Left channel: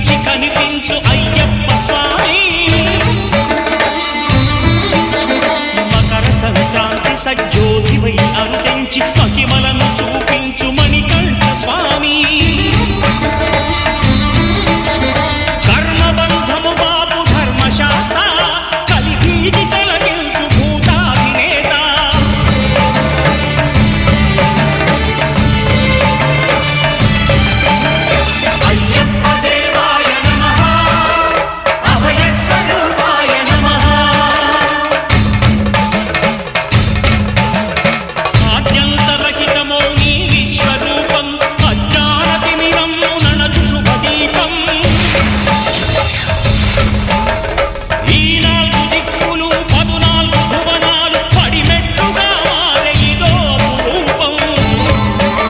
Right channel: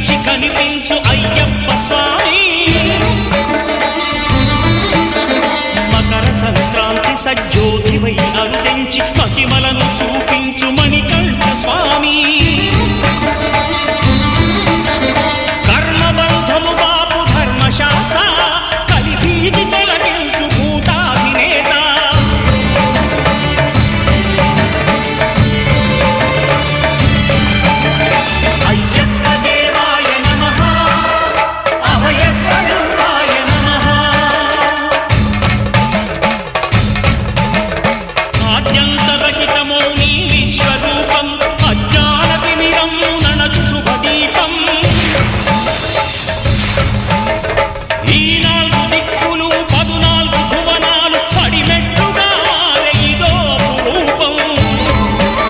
కనిపించి కనిపించు అయ్యప్ప స్వామి. మకర సంక్రాంతి సజ్జోతివై అరుదెంచి మహిమలను చూపించు మణికంఠ స్వామి. కర్మబంధము బాపు ధర్మశాస్త్ర కలిభీతి తొలగించు భూతాధినేత. అయ్యప్ప దేవాయ నమః, అభయ స్వరూపాయ నమః. ఆద్యంతరహితమౌ నీ విశ్వరూపం